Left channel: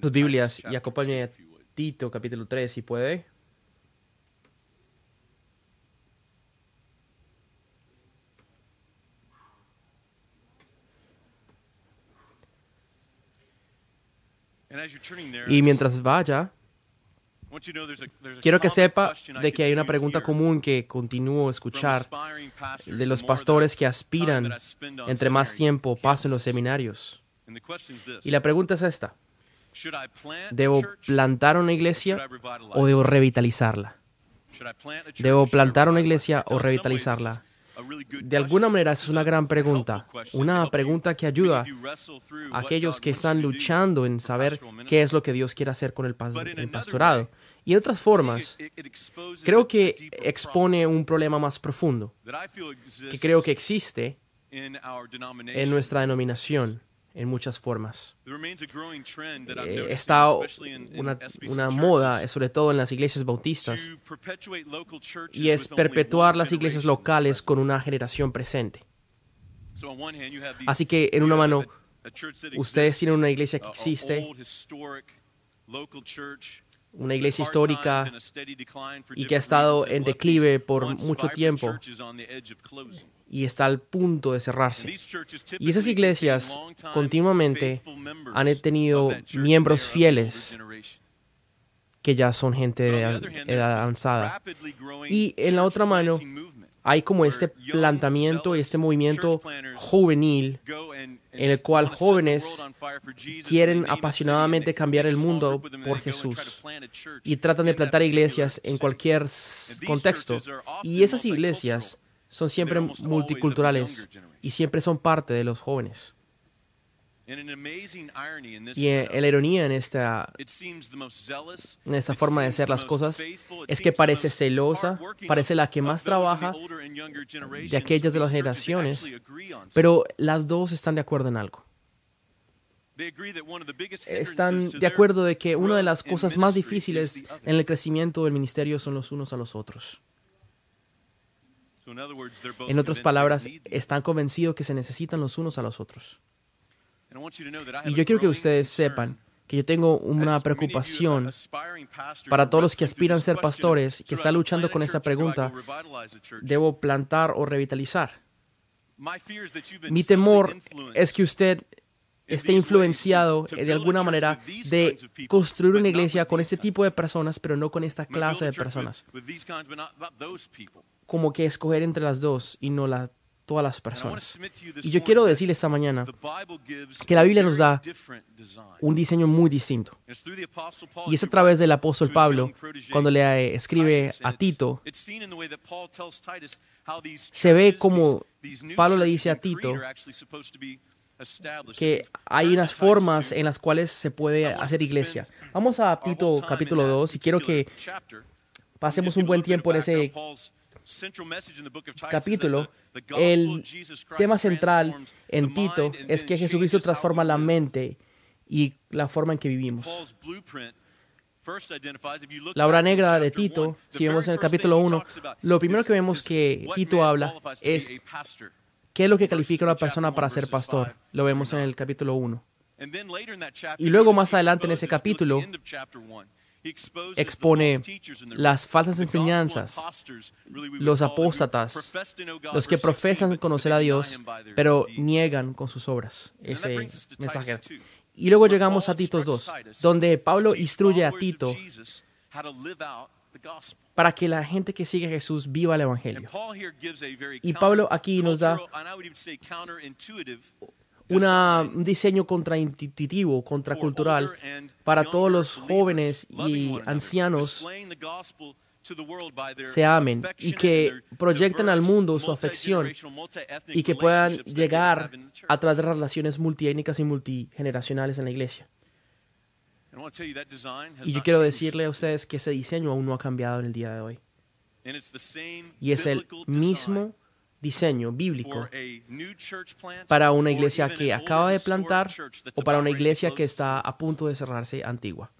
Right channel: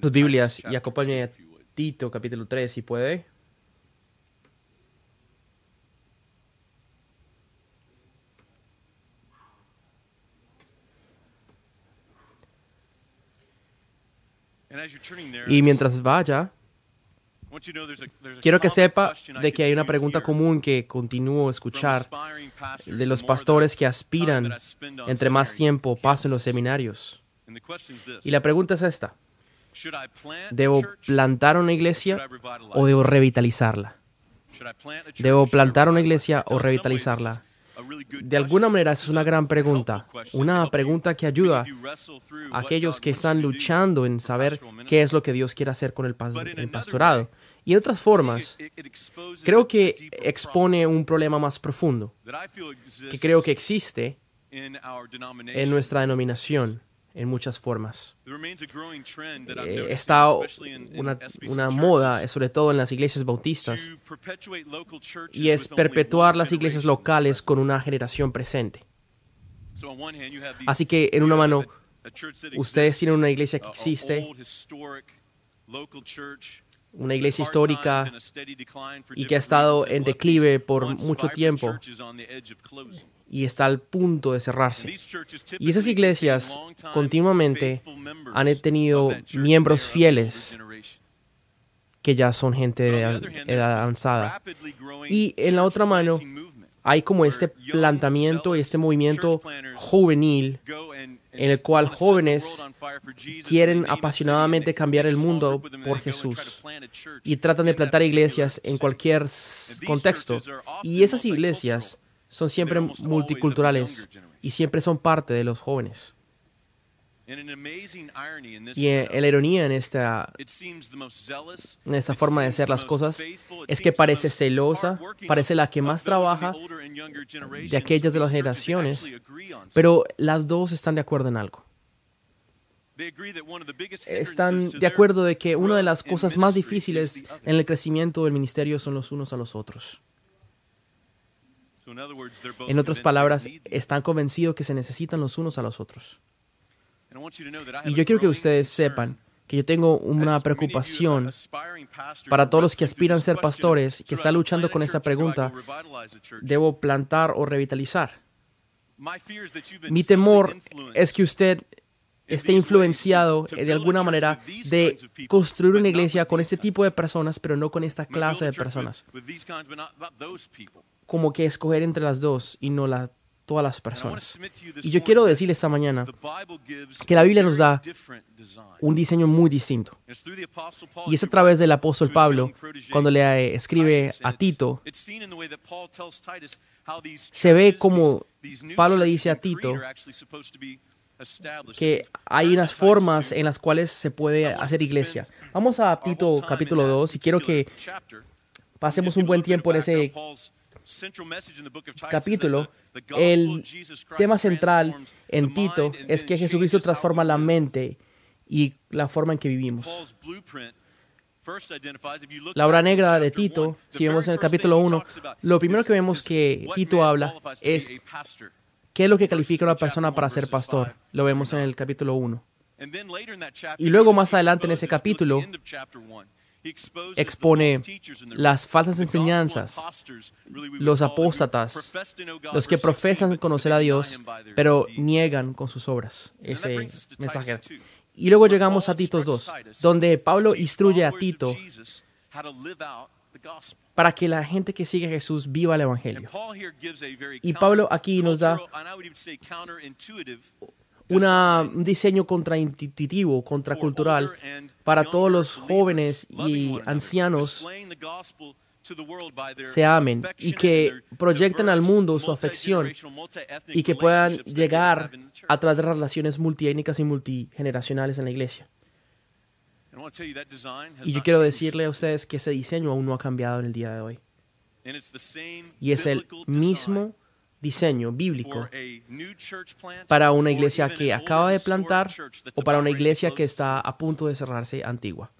Sus Biblias y acompañe a Tito capítulo 3, si puede. Y mientras vaya, quiero que sepa de que hay una pregunta común que continúo a escuchar de los pastores que aspiran entre más tiempo paso en los seminarios. Y la pregunta es esta: ¿debo plantar una iglesia o debo revitalizarla? ¿Debo plantar una iglesia o revitalizarla? De alguna manera, esa es una gran pregunta. Una pregunta que ayuda a aquellos que están luchando en saber qué es lo que Dios quiere hacer con el pastorado. Y de otras formas, creo que expone un problema más profundo, que creo que existe en nuestra denominación en muchas formas. Está una moda, sobre todo en las iglesias bautistas, y es perpetuar las iglesias locales con una generación presente. Así que, en una mano, ustedes tienen una iglesia que existe, una iglesia histórica y que ha estado en declive por mucho tiempo y está al punto de cerrarse. Y esas iglesias continuamente han tenido miembros fieles que ya son gente de edad avanzada. Y en la otra mano hay como este planteamiento y este movimiento juvenil en el cual jóvenes quieren apasionadamente cambiar el mundo por Jesús y tratan de plantar iglesias en cualquier contexto. Y esas iglesias son siempre multiculturales y siempre son parte de los jóvenes. Y la ironía en esta forma de hacer las cosas es que parece celosa, parece la que más trabaja de aquellas de las generaciones, pero las dos están de acuerdo en algo. Están de acuerdo de que una de las cosas más difíciles en el crecimiento del ministerio son los unos a los otros. En otras palabras, están convencidos que se necesitan los unos a los otros. Y yo quiero que ustedes sepan que yo tengo una preocupación para todos los que aspiran a ser pastores y que están luchando con esa pregunta: ¿debo plantar o revitalizar? Mi temor es que usted esté influenciado de alguna manera de construir una iglesia con este tipo de personas, pero no con esta clase de personas. Como que escoger entre las dos y no todas las personas. Y yo quiero decirles esta mañana que la Biblia nos da un diseño muy distinto. Y es a través del apóstol Pablo, cuando le escribe a Tito, se ve como Pablo le dice a Tito que hay unas formas en las cuales se puede hacer iglesia. Vamos a Tito capítulo 2 y quiero que pasemos un buen tiempo en ese capítulo. El tema central en Tito es que Jesucristo transforma la mente y la forma en que vivimos. La obra negra de Tito, si vemos en el capítulo 1, lo primero que vemos que Tito habla es qué es lo que califica a una persona para ser pastor. Lo vemos en el capítulo 1. Y luego más adelante en ese capítulo expone las falsas enseñanzas, los apóstatas, los que profesan conocer a Dios, pero niegan con sus obras ese mensaje. Y luego llegamos a Tito 2, donde Pablo instruye a Tito para que la gente que sigue a Jesús viva el Evangelio. Y Pablo aquí nos da un diseño contraintuitivo, contracultural, para todos los jóvenes y ancianos se amen y que proyecten al mundo su afección y que puedan llegar a través de relaciones multiétnicas y multigeneracionales en la iglesia. Y yo quiero decirle a ustedes que ese diseño aún no ha cambiado en el día de hoy. Y es el mismo diseño bíblico para una iglesia que acaba de plantar o para una iglesia que está a punto de cerrarse antigua.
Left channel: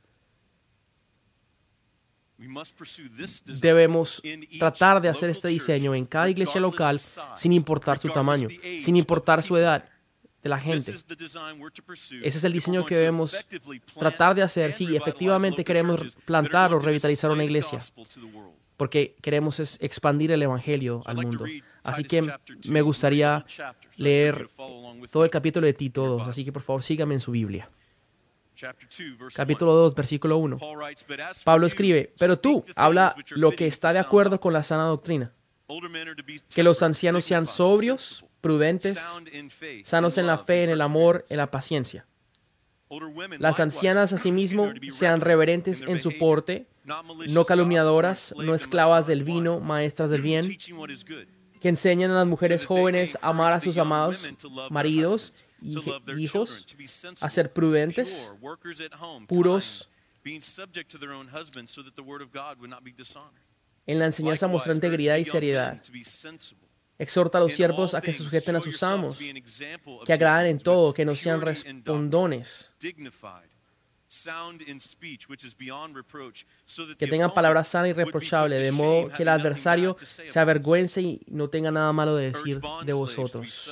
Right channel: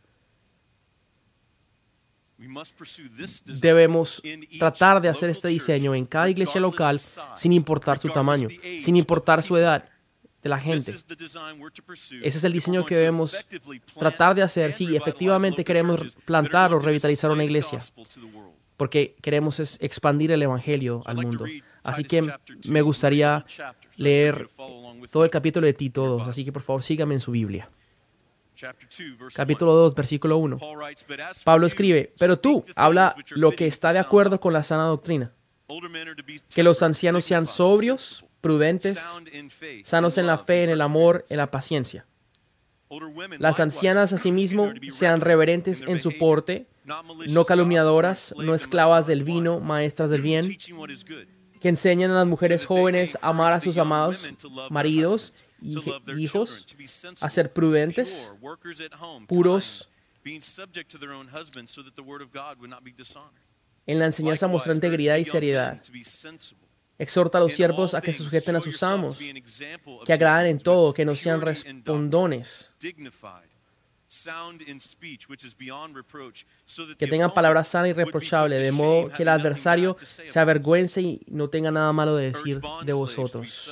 Debemos tratar de hacer este diseño en cada iglesia local sin importar su tamaño, sin importar su edad, de la gente. Ese es el diseño que debemos tratar de hacer si efectivamente queremos plantar o revitalizar una iglesia, porque queremos expandir el evangelio al mundo. Así que me gustaría leer todo el capítulo de Tito 2, así que por favor síganme en su Biblia. Capítulo 2, versículo 1. Pablo escribe: pero tú, habla lo que está de acuerdo con la sana doctrina. Que los ancianos sean sobrios, prudentes, sanos en la fe, en el amor, en la paciencia. Las ancianas asimismo sean reverentes en su porte, no calumniadoras, no esclavas del vino, maestras del bien, que enseñan a las mujeres jóvenes a amar a sus amados maridos y hijos, a ser prudentes, puros, en la enseñanza mostrar integridad y seriedad. Exhorta a los siervos a que se sujeten a sus amos, que agraden en todo, que no sean respondones, que tengan palabra sana y reprochable, de modo que el adversario se avergüence y no tenga nada malo de decir de vosotros.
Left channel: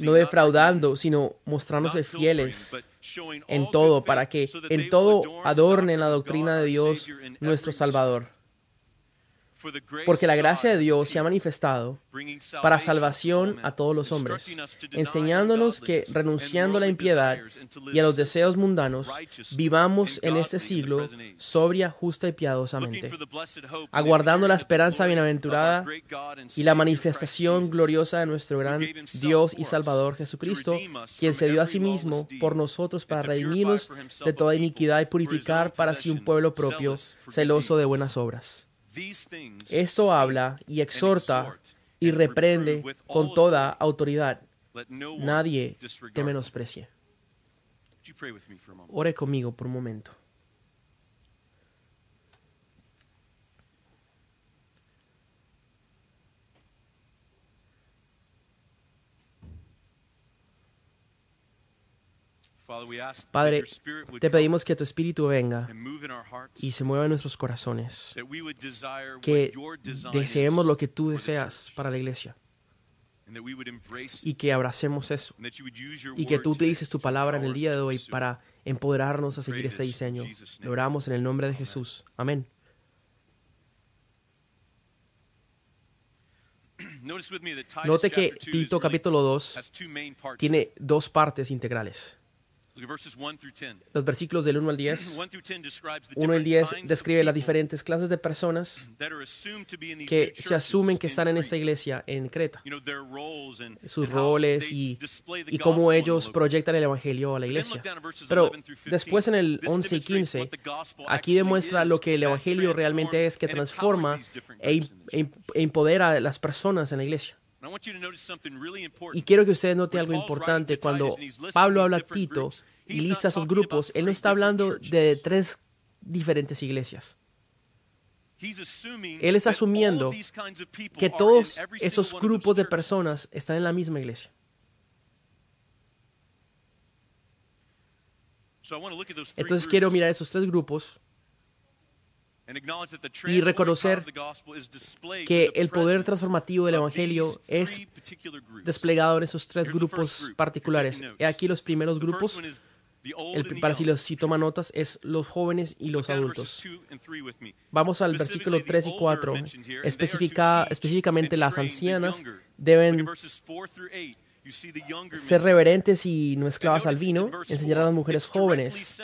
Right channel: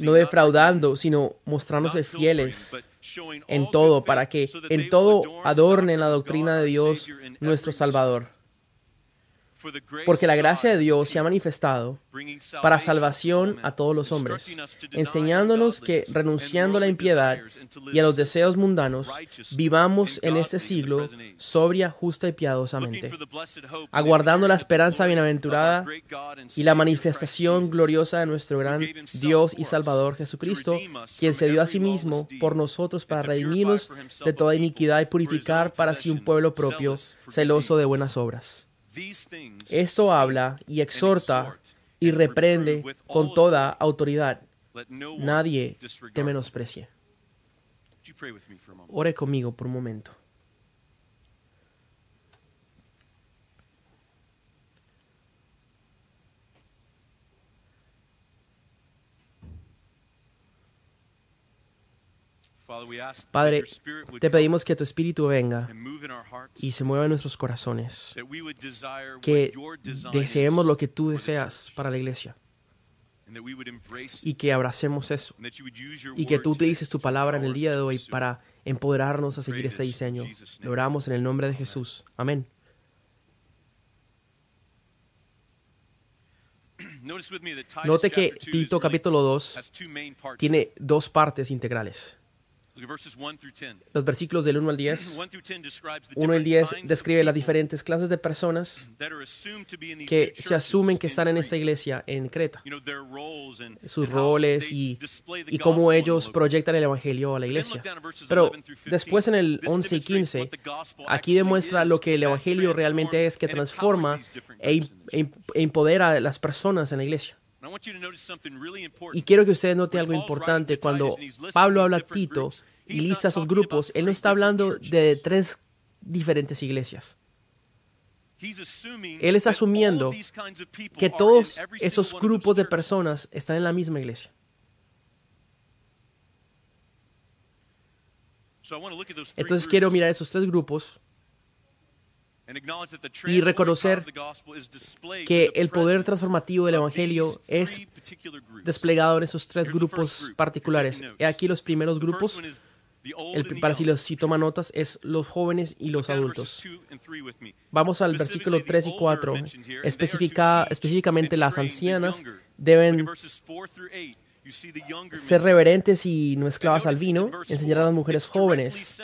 No defraudando, sino mostrándose fieles en todo, para que en todo adornen la doctrina de Dios nuestro Salvador. Porque la gracia de Dios se ha manifestado para salvación a todos los hombres, enseñándonos que, renunciando a la impiedad y a los deseos mundanos, vivamos en este siglo sobria, justa y piadosamente, aguardando la esperanza bienaventurada y la manifestación gloriosa de nuestro gran Dios y Salvador Jesucristo, quien se dio a sí mismo por nosotros para redimirnos de toda iniquidad y purificar para sí un pueblo propio, celoso de buenas obras. Esto habla y exhorta y reprende con toda autoridad. Nadie te menosprecie. Ore conmigo por un momento. Padre, te pedimos que tu Espíritu venga y se mueva en nuestros corazones, que deseemos lo que tú deseas para la iglesia y que abracemos eso y que tú utilices tu palabra en el día de hoy para empoderarnos a seguir este diseño. Lo oramos en el nombre de Jesús. Amén. Note que Tito capítulo 2 tiene dos partes integrales. Los versículos del 1 al 10. 1 al 10 describe las diferentes clases de personas que se asumen que están en esta iglesia en Creta. Sus roles y cómo ellos proyectan el evangelio a la iglesia. Pero después en el 11 y 15, aquí demuestra lo que el evangelio realmente es, que transforma e empodera a las personas en la iglesia. Y quiero que ustedes noten algo importante. Cuando Pablo habla a Tito y lista sus grupos, él no está hablando de tres diferentes iglesias. Él está asumiendo que todos esos grupos de personas están en la misma iglesia. Entonces quiero mirar esos tres grupos y reconocer que el poder transformativo del evangelio es desplegado en esos tres grupos particulares. He aquí los primeros grupos, para si toman notas, es los jóvenes y los adultos. Vamos al versículo 3 y 4. Específicamente las ancianas deben ser reverentes y no esclavas al vino, enseñar a las mujeres jóvenes.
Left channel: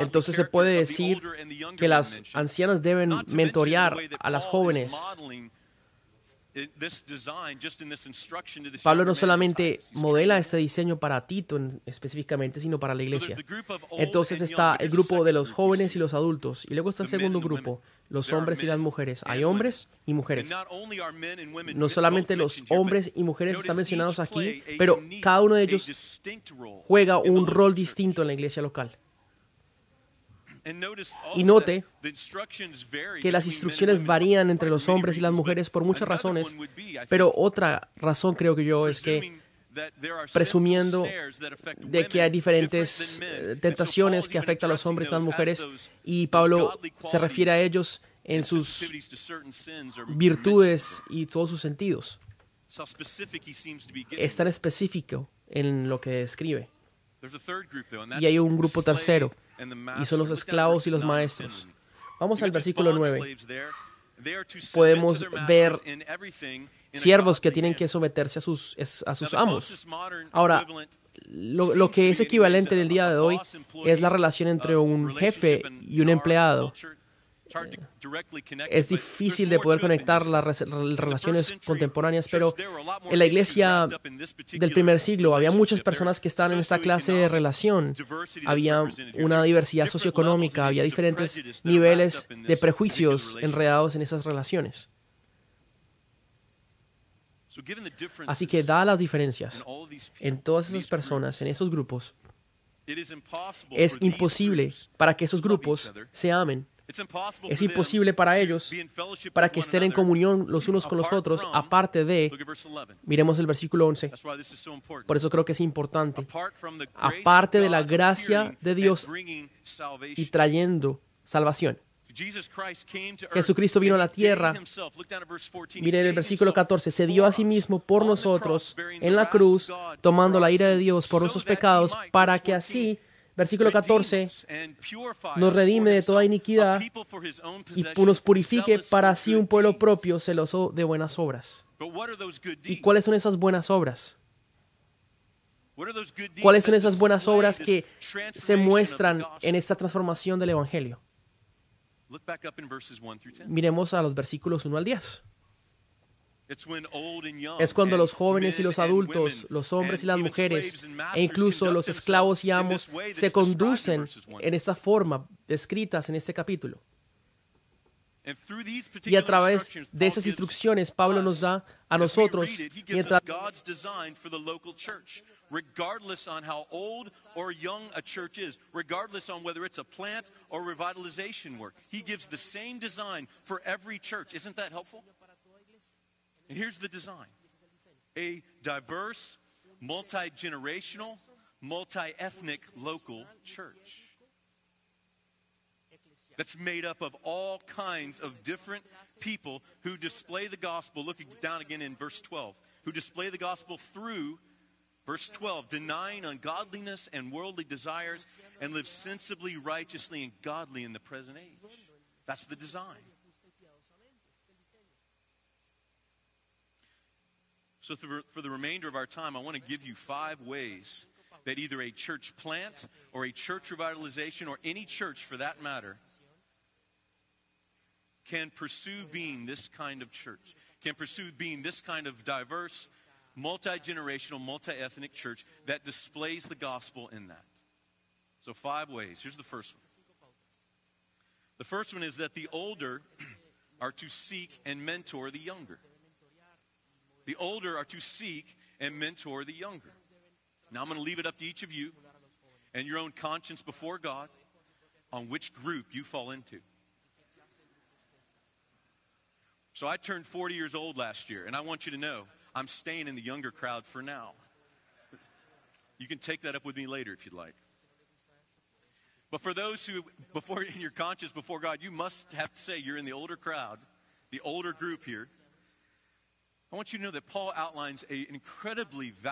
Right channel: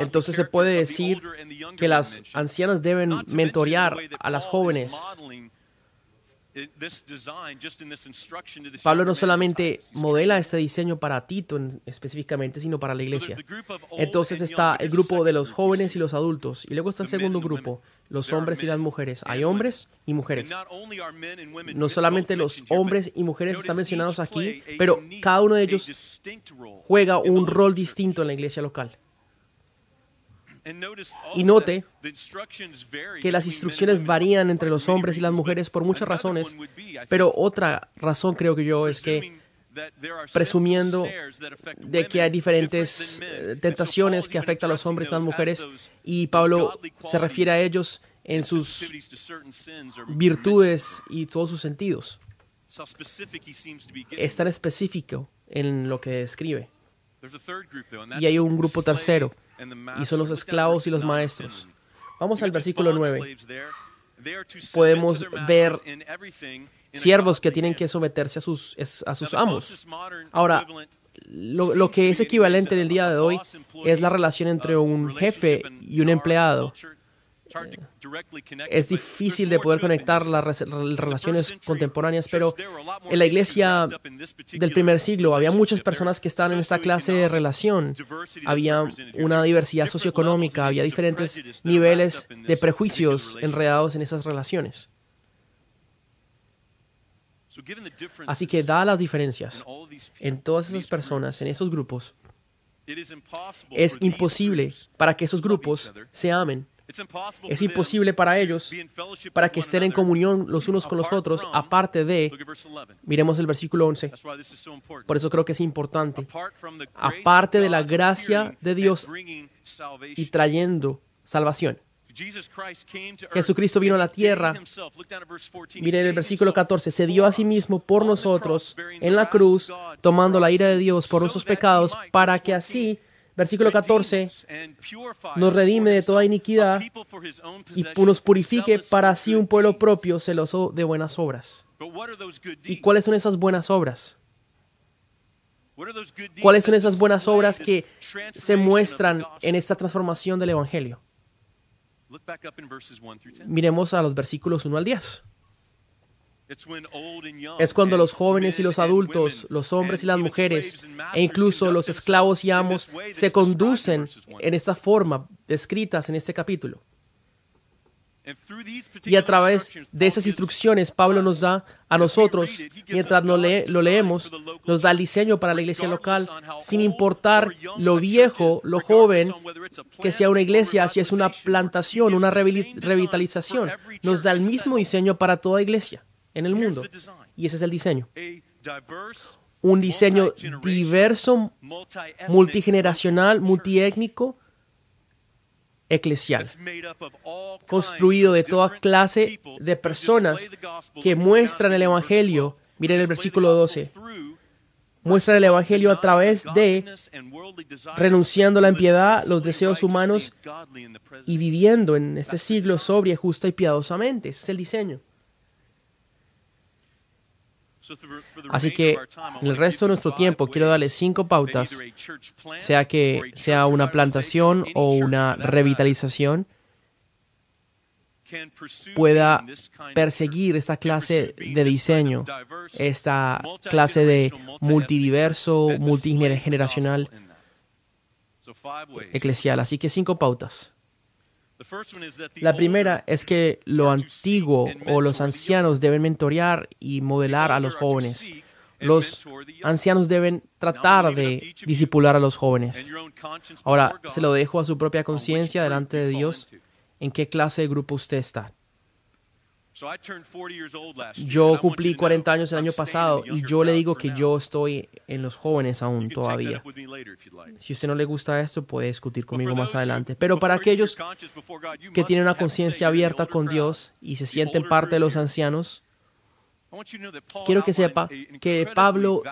Entonces se puede decir que las ancianas deben mentorear a las jóvenes. Pablo no solamente modela este diseño para Tito específicamente, sino para la iglesia. Entonces está el grupo de los jóvenes y los adultos. Y luego está el segundo grupo, los hombres y las mujeres. Hay hombres y mujeres. No solamente los hombres y mujeres están mencionados aquí, pero cada uno de ellos juega un rol distinto en la iglesia local. Y note que las instrucciones varían entre los hombres y las mujeres por muchas razones, pero otra razón creo que yo es que, presumiendo de que hay diferentes tentaciones que afectan a los hombres y a las mujeres, y Pablo se refiere a ellos en sus virtudes y todos sus sentidos. Es tan específico en lo que escribe. Y hay un grupo tercero, y son los esclavos y los maestros. Vamos al versículo 9. Podemos ver siervos que tienen que someterse a sus amos. Ahora, lo que es equivalente en el día de hoy es la relación entre un jefe y un empleado. Es difícil de poder conectar las relaciones contemporáneas, pero en la iglesia del primer siglo había muchas personas que estaban en esta clase de relación. Había una diversidad socioeconómica, había diferentes niveles de prejuicios enredados en esas relaciones. Así que, dadas las diferencias en todas esas personas, en esos grupos, es imposible para que esos grupos se amen. Es imposible para ellos, para que estén en comunión los unos con los otros, aparte de, miremos el versículo 11, por eso creo que es importante, aparte de la gracia de Dios y trayendo salvación. Jesucristo vino a la tierra, miren el versículo 14, se dio a sí mismo por nosotros en la cruz, tomando la ira de Dios por nuestros pecados, para que así, versículo 14, nos redime de toda iniquidad y nos purifique para así un pueblo propio celoso de buenas obras. ¿Y cuáles son esas buenas obras? ¿Cuáles son esas buenas obras que se muestran en esta transformación del Evangelio? Miremos a los versículos 1 al 10. Es cuando los jóvenes y los adultos, los hombres y las mujeres, e incluso los esclavos y amos, se conducen en esta forma descritas en este capítulo. Y a través de esas instrucciones, Pablo nos da a nosotros, mientras lo leemos, nos da el diseño para la iglesia local, sin importar lo viejo, lo joven, que sea una iglesia, si es una plantación, una revitalización. Nos da el mismo diseño para toda iglesia en el mundo. Y ese es el diseño. Un diseño diverso, multigeneracional, multiétnico, eclesial, construido de toda clase de personas que muestran el Evangelio. Miren el versículo 12. Muestran el Evangelio a través de renunciando a la impiedad, los deseos humanos y viviendo en este siglo sobria, justa y piadosamente. Ese es el diseño. Así que en el resto de nuestro tiempo quiero darle 5 pautas, sea que sea una plantación o una revitalización, pueda perseguir esta clase de diseño, esta clase de multidiverso, multigeneracional, eclesial. Así que 5 pautas. La primera es que lo antiguo o los ancianos deben mentorear y modelar a los jóvenes. Los ancianos deben tratar de discipular a los jóvenes. Ahora, se lo dejo a su propia conciencia delante de Dios en qué clase de grupo usted está. Yo cumplí 40 años el año pasado y yo le digo que yo estoy en los jóvenes aún todavía. Si a usted no le gusta esto, puede discutir conmigo más adelante. Pero para aquellos que tienen una conciencia abierta con Dios y se sienten parte de los ancianos, quiero que sepa que Pablo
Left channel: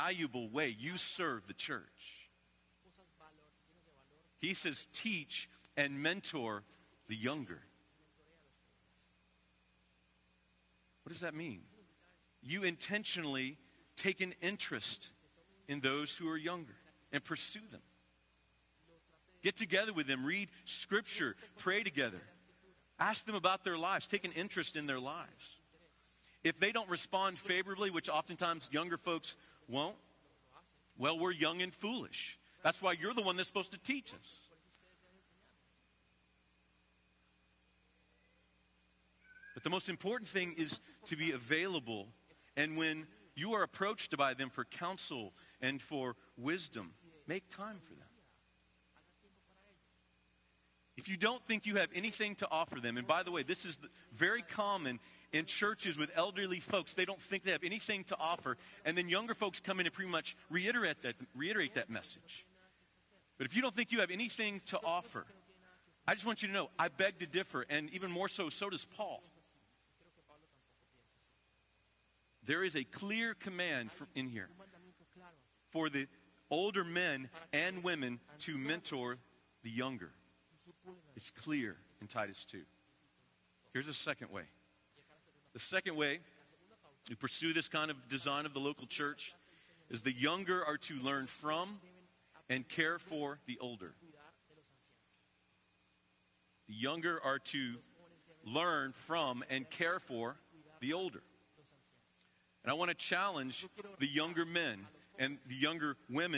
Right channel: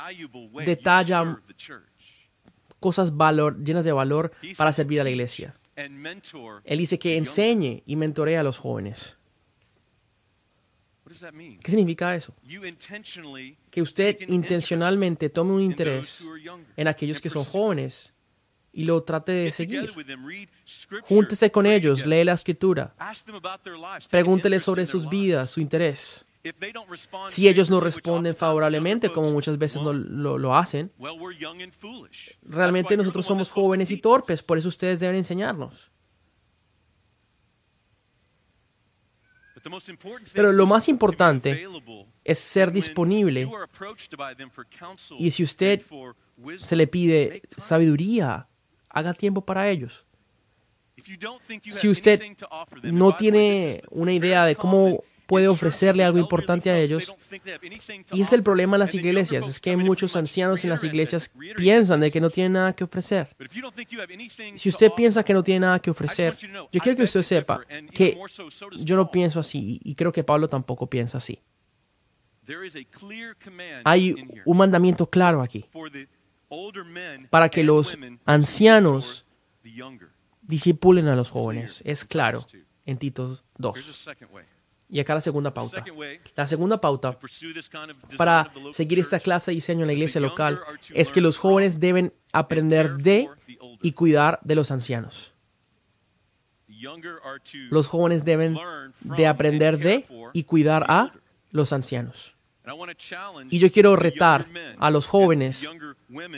detalla cosas llenas de valor para servir a la iglesia. Él dice que enseñe y mentoree a los jóvenes. ¿Qué significa eso? Que usted intencionalmente tome un interés en aquellos que son jóvenes y lo trate de seguir. Júntese con ellos, lee la Escritura, pregúntele sobre sus vidas, su interés. Si ellos no responden favorablemente, como muchas veces lo hacen, realmente nosotros somos jóvenes y torpes, por eso ustedes deben enseñarnos. Pero lo más importante es ser disponible. Y si usted se le pide sabiduría, haga tiempo para ellos. Si usted no tiene una idea de cómo puede ofrecerle algo importante a ellos. Y es el problema en las iglesias, es que muchos ancianos en las iglesias piensan de que no tienen nada que ofrecer. Si usted piensa que no tiene nada que ofrecer, yo quiero que usted sepa que yo no pienso así y creo que Pablo tampoco piensa así. Hay un mandamiento claro aquí para que los ancianos discipulen a los jóvenes. Es claro en Tito 2. Y acá la segunda pauta. La segunda pauta para seguir esta clase de diseño en la iglesia local es que los jóvenes deben aprender de y cuidar de los ancianos. Los jóvenes deben de aprender de y cuidar a los ancianos. Y yo quiero retar a los jóvenes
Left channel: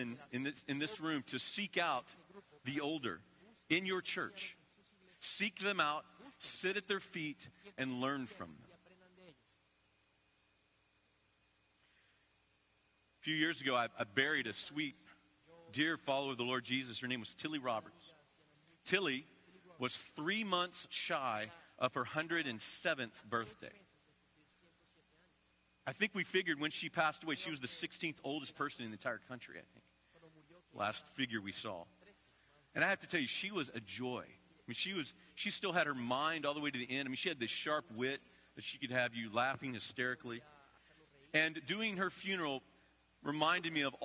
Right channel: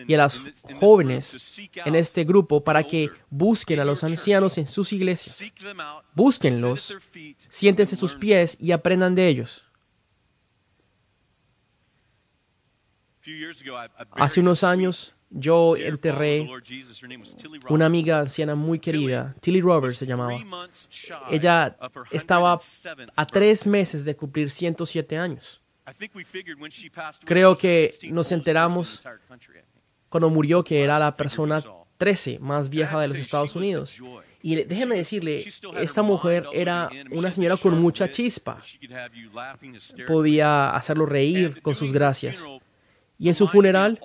y a las jóvenes en este grupo para que busquen a los ancianos en sus iglesias. Búsquenlos, siéntense a sus pies y aprendan de ellos. Hace unos años yo enterré una amiga anciana muy querida, Tilly Roberts se llamaba. Ella estaba a 3 meses de cumplir 107 años. Creo que nos enteramos cuando murió que era la persona 13 más vieja de los Estados Unidos. Y déjeme decirle, esta mujer era una señora con mucha chispa. Podía hacerlo reír con sus gracias. Y en su funeral,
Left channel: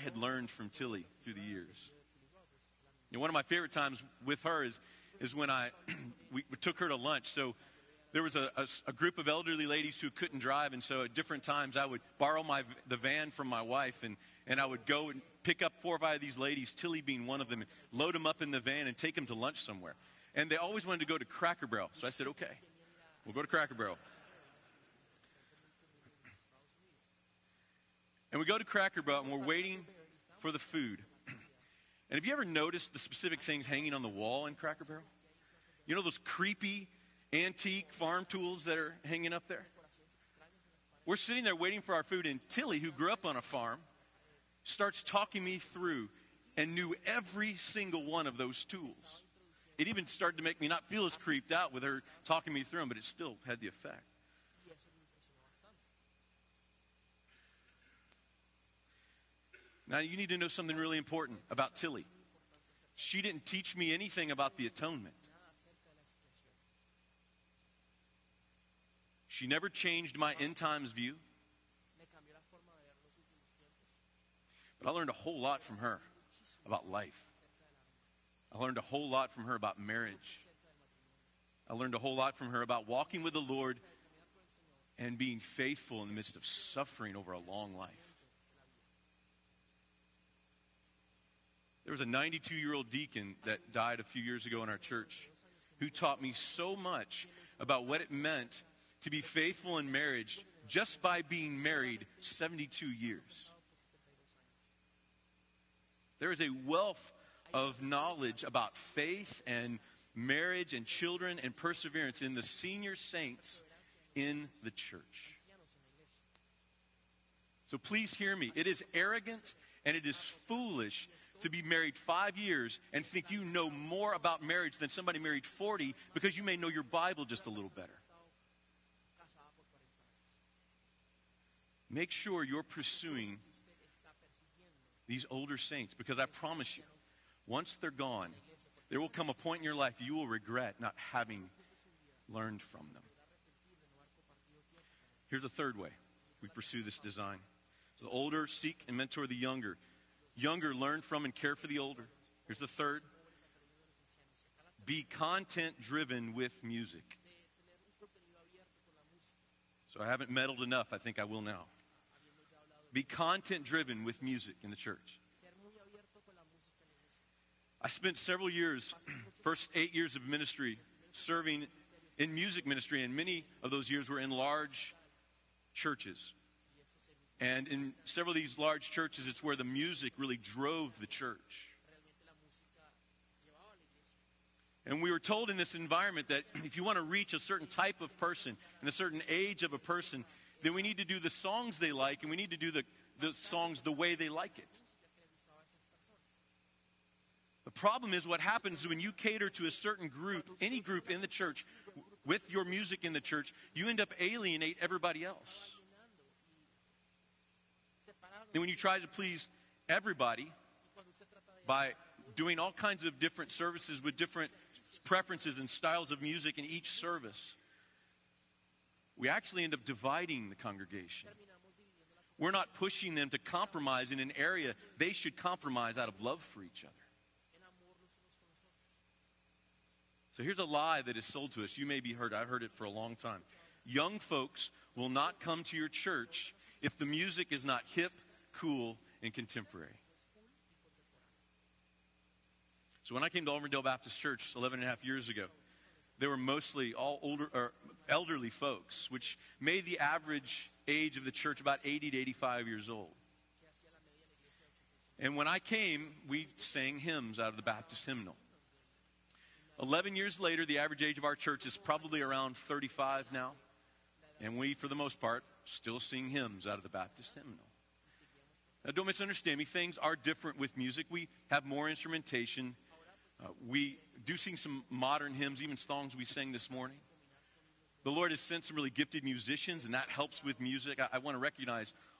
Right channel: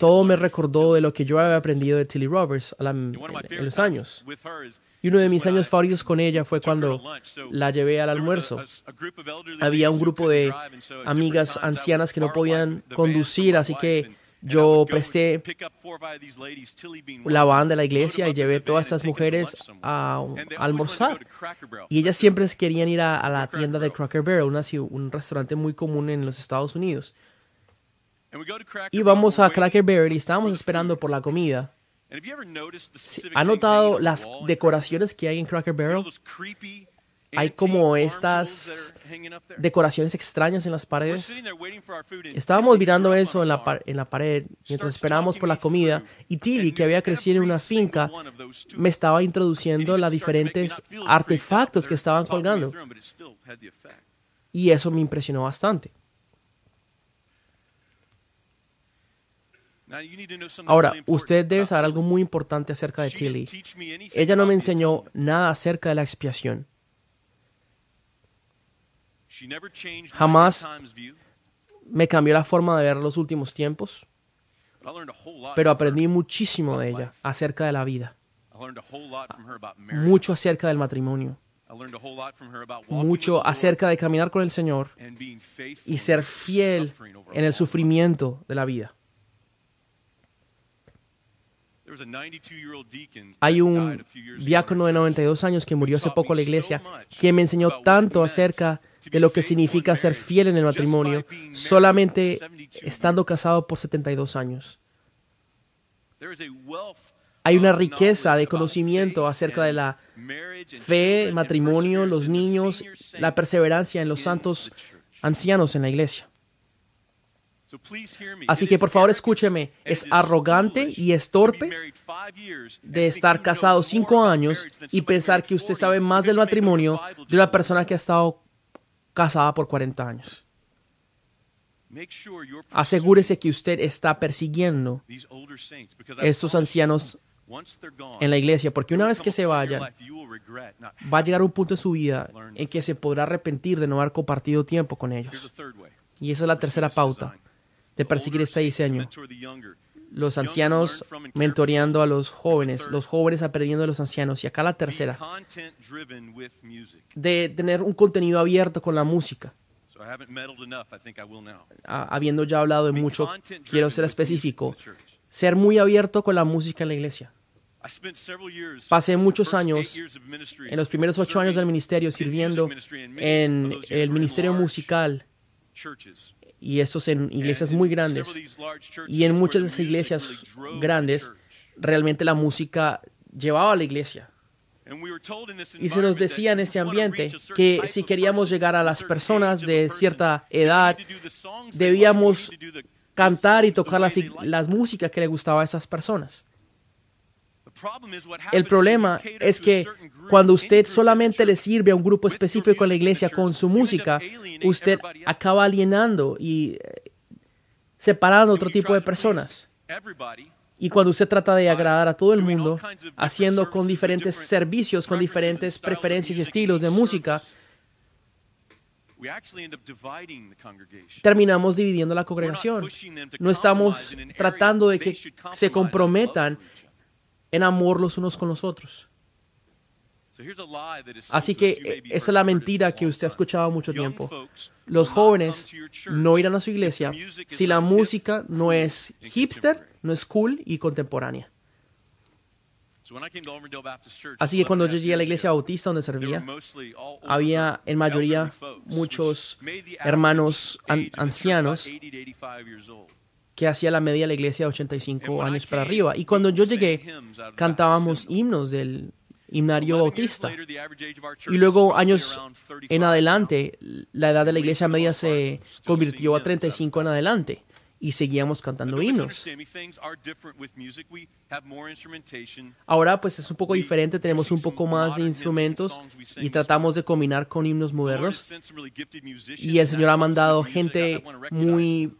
todo me recordó de lo que yo había aprendido de Tilly Roberts en los años. Y uno de mis años favoritos con ella fue cuando la llevé al almuerzo. Había un grupo de amigas ancianas que no podían conducir, así que yo presté la van de la iglesia y llevé todas estas mujeres a almorzar. Y ellas siempre querían ir a la tienda de Cracker Barrel, un restaurante muy común en los Estados Unidos. Y vamos a Cracker Barrel y estábamos esperando por la comida. ¿Ha notado las decoraciones que hay en Cracker Barrel? Hay como estas decoraciones extrañas en las paredes. Estábamos mirando eso en la pared mientras esperábamos por la comida y Tilly, que había crecido en una finca, me estaba introduciendo los diferentes artefactos que estaban colgando. Y eso me impresionó bastante. Ahora, usted debe saber algo muy importante acerca de Tilly. Ella no me enseñó nada acerca de la expiación. Jamás me cambió la forma de ver los últimos tiempos, pero aprendí muchísimo de ella acerca de la vida, mucho acerca del matrimonio, mucho acerca de caminar con el Señor y ser fiel en el sufrimiento de la vida. Hay un diácono de 92 años que murió hace poco en la iglesia que me enseñó tanto acerca de lo que significa ser fiel en el matrimonio solamente estando casado por 72 años. Hay una riqueza de conocimiento acerca de la fe, matrimonio, los niños, la perseverancia en los santos ancianos en la iglesia. Así que por favor escúcheme, es arrogante y es torpe de estar casado 5 años y pensar que usted sabe más del matrimonio de una persona que ha estado casada por 40 años. Asegúrese que usted está persiguiendo a estos ancianos en la iglesia, porque una vez que se vayan, va a llegar un punto en su vida en que se podrá arrepentir de no haber compartido tiempo con ellos. Y esa es la tercera pauta de perseguir este diseño. Los ancianos mentoreando a los jóvenes aprendiendo de los ancianos. Y acá la tercera, de tener un contenido abierto con la música. Habiendo ya hablado de mucho, quiero ser específico. Ser muy abierto con la música en la iglesia. Pasé muchos años, en los primeros 8 años del ministerio, sirviendo en el ministerio musical. Y eso en iglesias muy grandes. Y en muchas de esas iglesias grandes, realmente la música llevaba a la iglesia. Y se nos decía en ese ambiente que si queríamos llegar a las personas de cierta edad, debíamos cantar y tocar las músicas que le gustaba a esas personas. El problema es que cuando usted solamente le sirve a un grupo específico en la iglesia con su música, usted acaba alienando y separando a otro tipo de personas. Y cuando usted trata de agradar a todo el mundo, haciendo con diferentes servicios, con diferentes preferencias y estilos de música, terminamos dividiendo la congregación. No estamos tratando de que se comprometan en amor los unos con los otros. Así que esa es la mentira que usted ha escuchado mucho tiempo. Los jóvenes no irán a su iglesia si la música no es hipster, no es cool y contemporánea. Así que cuando yo llegué a la iglesia bautista donde servía, había en mayoría muchos hermanos ancianos que hacía la media de la iglesia de 85 años para arriba. Y cuando yo llegué, cantábamos himnos del himnario bautista. Y luego, años en adelante, la edad de la iglesia media se convirtió a 35 en adelante. Y seguíamos cantando himnos. Ahora pues es un poco diferente, tenemos un poco más de instrumentos y tratamos de combinar con himnos modernos. Y el Señor ha mandado gente muy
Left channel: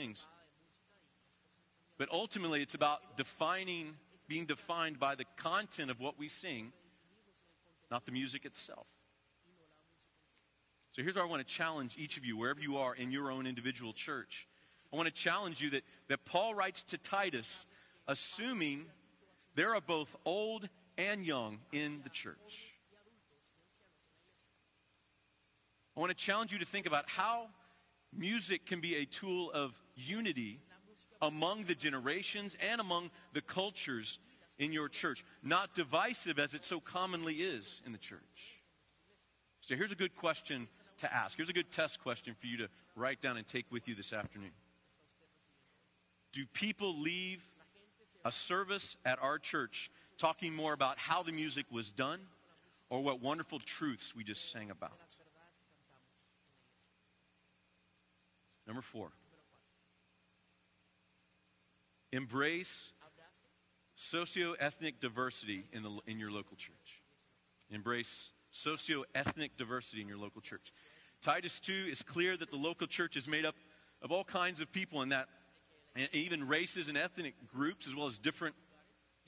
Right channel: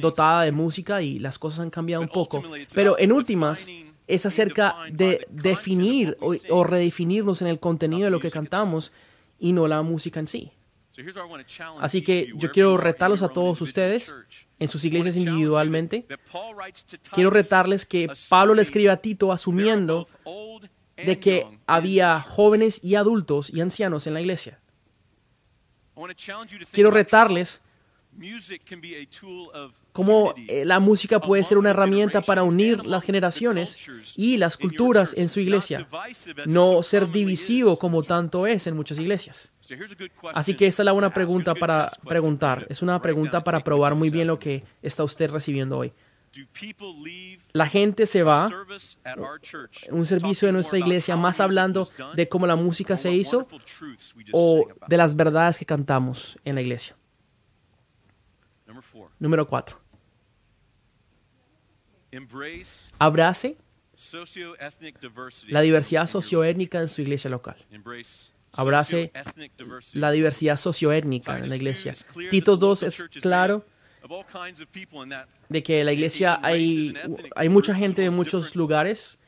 dotada de música y las cosas han cambiado un poco. Pero en últimas es acerca de definir o redefinirnos en el contenido de lo que cantamos y no la música en sí. Así que yo quiero retarlos a todos ustedes en sus iglesias individualmente. Quiero retarles que Pablo le escribe a Tito asumiendo de que había jóvenes y adultos y ancianos en la iglesia. Quiero retarles cómo la música puede ser una herramienta para unir las generaciones y las culturas en su iglesia, no ser divisivo como tanto es en muchas iglesias. Así que esa es la buena pregunta para preguntar. Es una pregunta para probar muy bien lo que está usted recibiendo hoy. La gente se va en un servicio de nuestra iglesia más hablando de cómo la música se hizo o de las verdades que cantamos en la iglesia. Número 4. Abrace la diversidad socioétnica en su iglesia local. Abrace la diversidad socioétnica en la iglesia. Tito 2 es claro de que en la iglesia hay mucha gente de muchos lugares,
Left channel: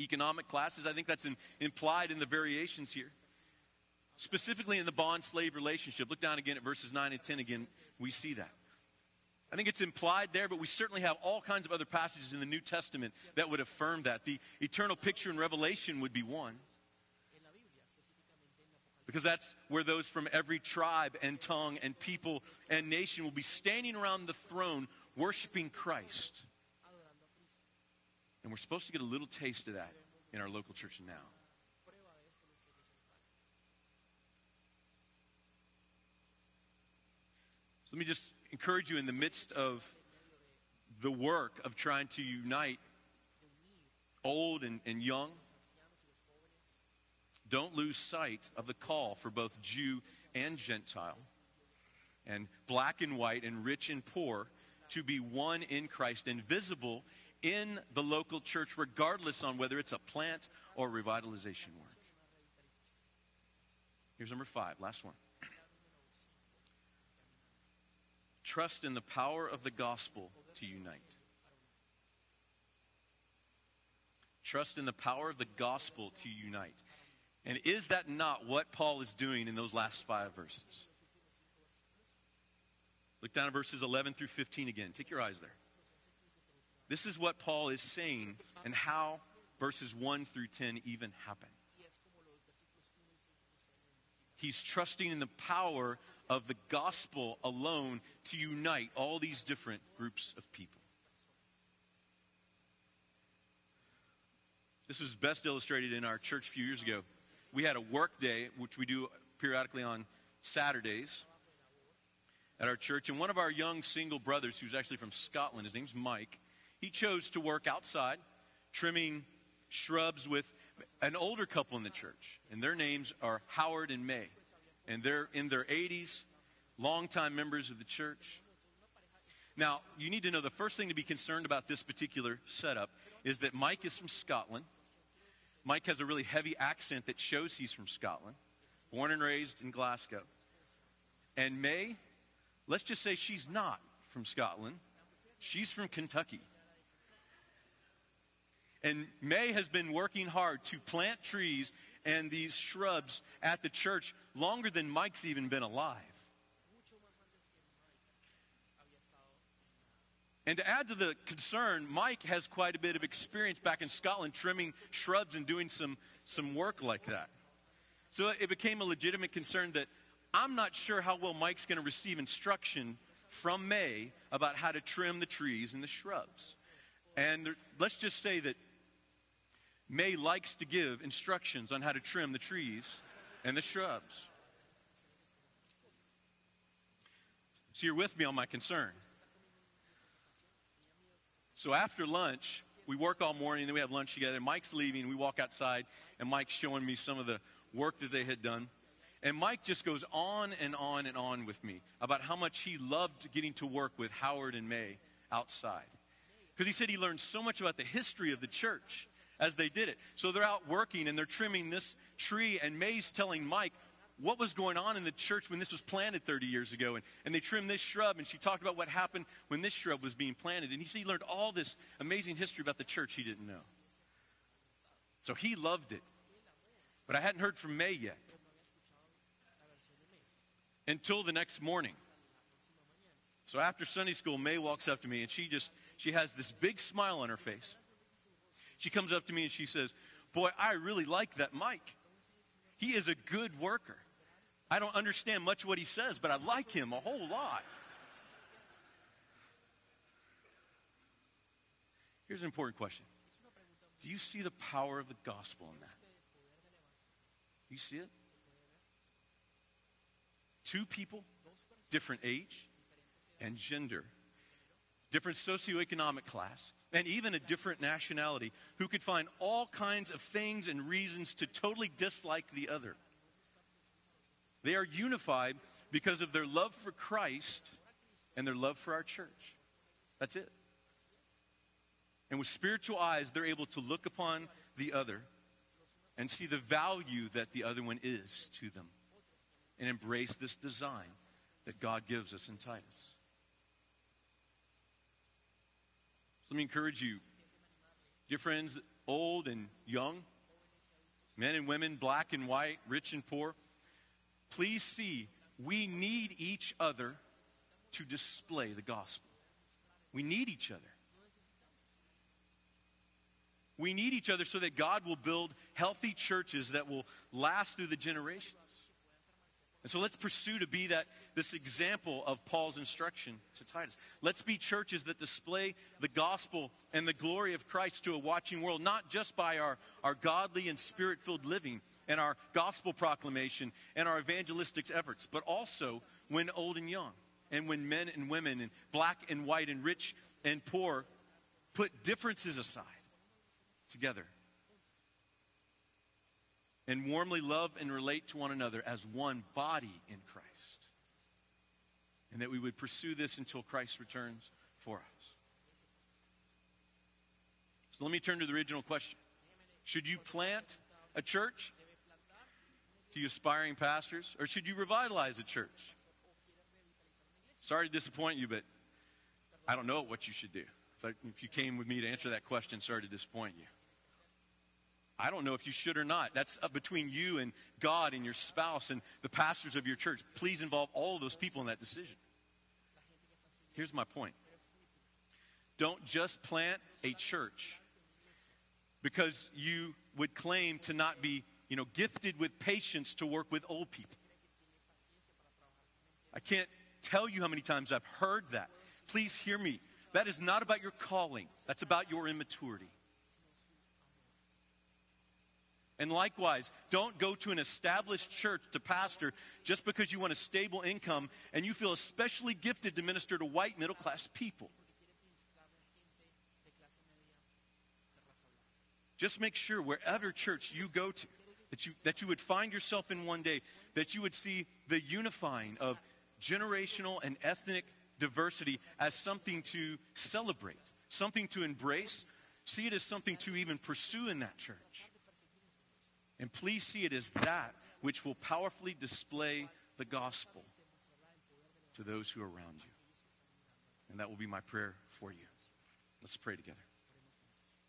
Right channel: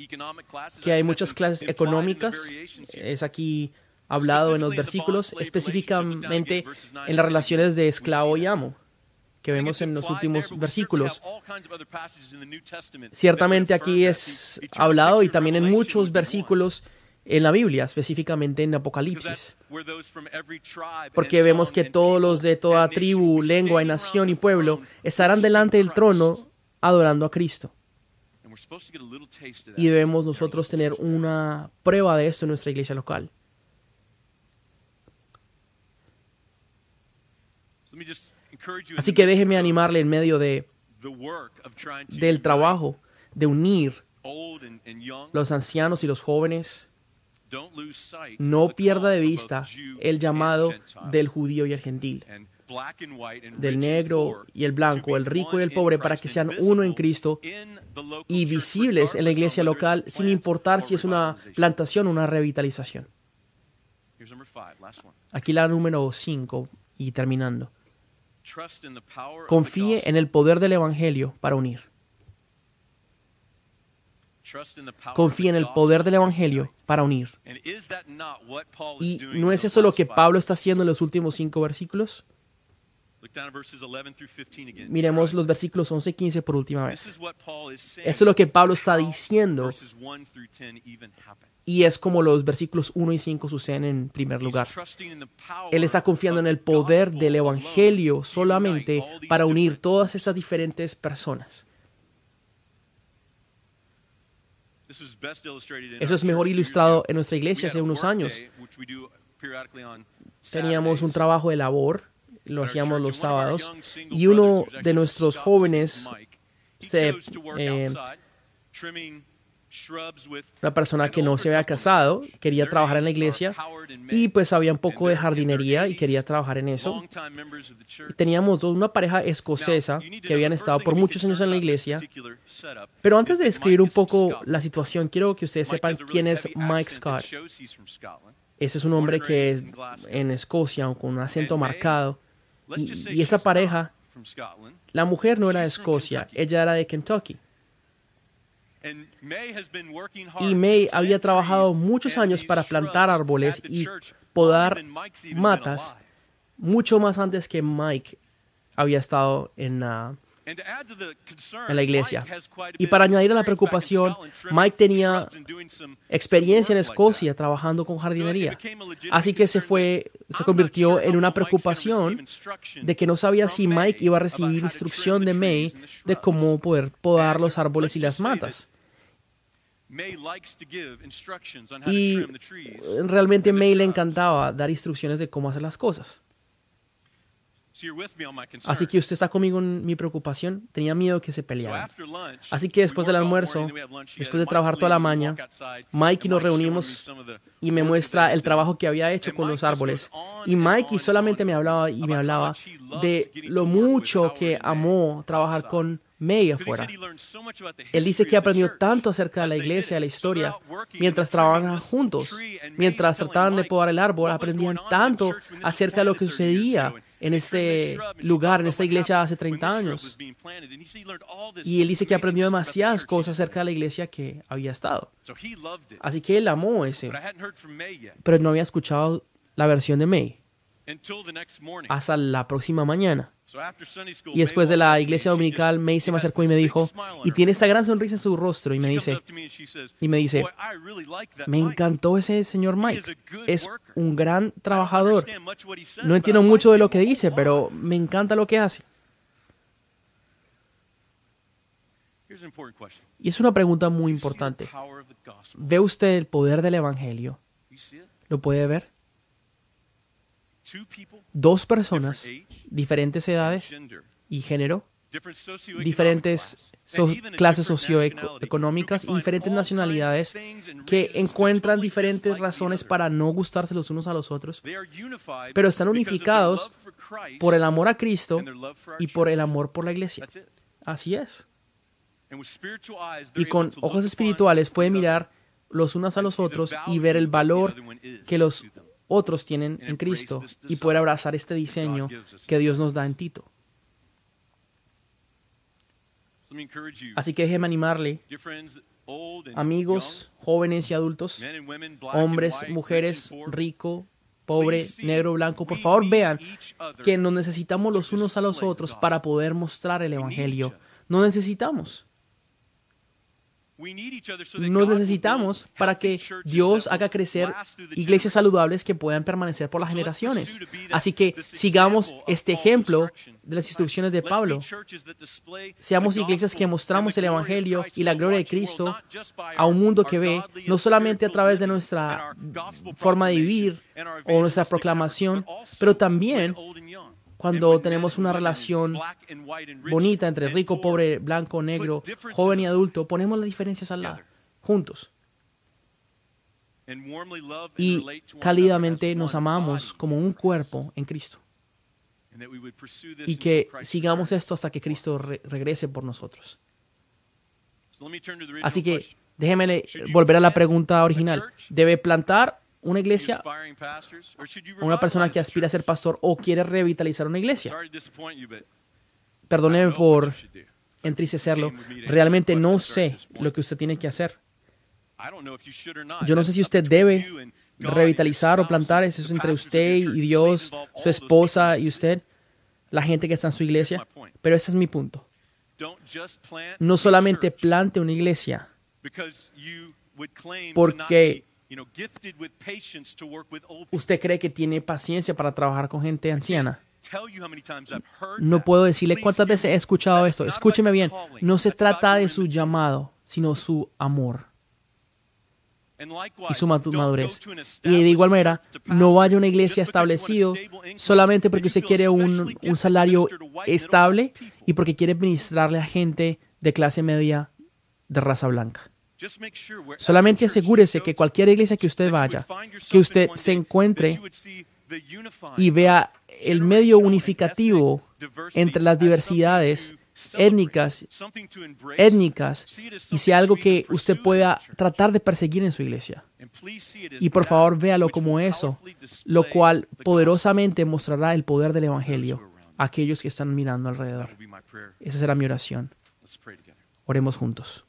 que hay muchas clases económicas. Es aquí hablado en los versículos, específicamente en las relaciones de esclavo y amo, que vemos en los últimos versículos. Ciertamente aquí es hablado y también en muchos versículos en la Biblia, específicamente en Apocalipsis. Porque vemos que todos los de toda tribu, lengua, y nación y pueblo estarán delante del trono adorando a Cristo. Y debemos nosotros tener una prueba de esto en nuestra iglesia local. Así que déjeme animarle en medio del trabajo de unir los ancianos y los jóvenes. No pierda de vista el llamado del judío y el gentil, del negro y el blanco, el rico y el pobre, para que sean uno en Cristo y visibles en la iglesia local, sin importar si es una plantación o una revitalización. Aquí la número 5 y terminando. Confíe en el poder del Evangelio para unir. Confíe en el poder del Evangelio para unir. ¿Y no es eso lo que Pablo está haciendo en los últimos 5 versículos? Miremos los versículos 11 y 15 por última vez. Eso es lo que Pablo está diciendo. Y es como los versículos 1 y 5 suceden en primer lugar. Él está confiando en el poder del Evangelio solamente para unir todas estas diferentes personas. Eso es mejor ilustrado en nuestra iglesia hace unos años. Teníamos un trabajo de labor, lo hacíamos los sábados, y uno de nuestros jóvenes se una persona que no se había casado, quería trabajar en la iglesia y pues había un poco de jardinería y quería trabajar en eso. Teníamos una pareja escocesa que habían estado por muchos años en la iglesia. Pero antes de describir un poco la situación, quiero que ustedes sepan quién es Mike Scott. Ese es un hombre que es en Escocia con un acento marcado. Y esa pareja, la mujer no era de Escocia, ella era de Kentucky. Y May había trabajado muchos años para plantar árboles y podar matas, mucho más antes que Mike había estado en la iglesia. Y para añadir a la preocupación, Mike tenía experiencia en Escocia trabajando con jardinería. Así que se convirtió en una preocupación de que no sabía si Mike iba a recibir instrucción de May de cómo poder podar los árboles y las matas. Y realmente May le encantaba dar instrucciones de cómo hacer las cosas. Así que usted está conmigo en mi preocupación. Tenía miedo que se pelearan. Así que después del almuerzo, después de trabajar toda la mañana, Mike y nos reunimos y me muestra el trabajo que había hecho con los árboles. Y Mike solamente me hablaba de lo mucho que amó trabajar con May afuera. Él dice que aprendió tanto acerca de la iglesia, de la historia, mientras trabajaban juntos, mientras trataban de podar el árbol, aprendían tanto acerca de lo que sucedía en este lugar, en esta iglesia hace 30 años. Y él dice que aprendió demasiadas cosas acerca de la iglesia que había estado. Así que él amó ese. Pero no había escuchado la versión de May hasta la próxima mañana. Y después de la iglesia dominical, May se me acercó y me dijo, y tiene esta gran sonrisa en su rostro, y me dice, me encantó ese señor Mike, es un gran trabajador. No entiendo mucho de lo que dice, pero me encanta lo que hace. Y es una pregunta muy importante. ¿Ve usted el poder del evangelio? ¿Lo puede ver? Dos personas, diferentes edades y género, diferentes clases socioeconómicas y diferentes nacionalidades que encuentran diferentes razones para no gustarse los unos a los otros, pero están unificados por el amor a Cristo y por el amor por la iglesia. Así es. Y con ojos espirituales pueden mirar los unos a los otros y ver el valor que los otros tienen en Cristo y poder abrazar este diseño que Dios nos da en Tito. Así que déjeme animarle, amigos, jóvenes y adultos, hombres, mujeres, rico, pobre, negro, blanco, por favor vean que nos necesitamos los unos a los otros para poder mostrar el evangelio. Nos necesitamos. Nos necesitamos para que Dios haga crecer iglesias saludables que puedan permanecer por las generaciones. Así que sigamos este ejemplo de las instrucciones de Pablo. Seamos iglesias que mostramos el evangelio y la gloria de Cristo a un mundo que ve, no solamente a través de nuestra forma de vivir o nuestra proclamación, pero también cuando tenemos una relación bonita entre rico, pobre, blanco, negro, joven y adulto, ponemos las diferencias al lado, juntos. Y cálidamente nos amamos como un cuerpo en Cristo. Y que sigamos esto hasta que Cristo regrese por nosotros. Así que déjeme volver a la pregunta original. ¿Debe plantar una iglesia, una persona que aspira a ser pastor o quiere revitalizar una iglesia? Perdóneme por entristecerlo. Realmente no sé lo que usted tiene que hacer. Yo no sé si usted debe revitalizar o plantar. Eso es entre usted y Dios, su esposa y usted, la gente que está en su iglesia. Pero ese es mi punto. No solamente plante una iglesia porque usted cree que tiene paciencia para trabajar con gente anciana. No puedo decirle cuántas veces he escuchado esto. Escúcheme bien. No se trata de su llamado, sino su amor y su madurez. Y de igual manera, no vaya a una iglesia establecida solamente porque usted quiere un salario estable y porque quiere ministrarle a gente de clase media de raza blanca. Solamente asegúrese que cualquier iglesia que usted vaya, que usted se encuentre y vea el medio unificativo entre las diversidades étnicas, y sea algo que usted pueda tratar de perseguir en su iglesia. Y por favor, véalo como eso, lo cual poderosamente mostrará el poder del Evangelio a aquellos que están mirando alrededor. Esa será mi oración. Oremos juntos.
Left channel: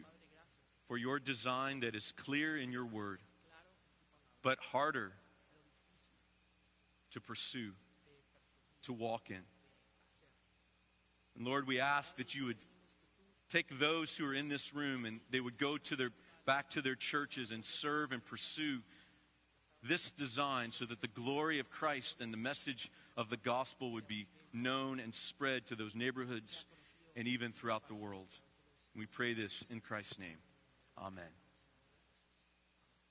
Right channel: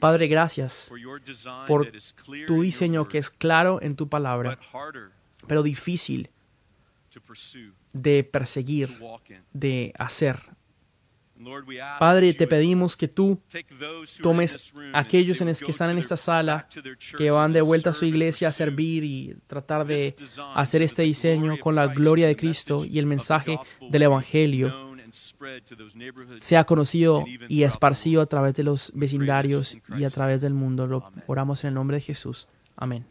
Padre, gracias por tu diseño que es claro en tu palabra, pero difícil de perseguir, de hacer. Padre, te pedimos que tú tomes a aquellos en los que están en esta sala, que van de vuelta a su iglesia a servir y tratar de hacer este diseño con la gloria de Cristo, y el mensaje del Evangelio sea conocido y esparcido a través de los vecindarios y a través del mundo. Lo oramos en el nombre de Jesús. Amén.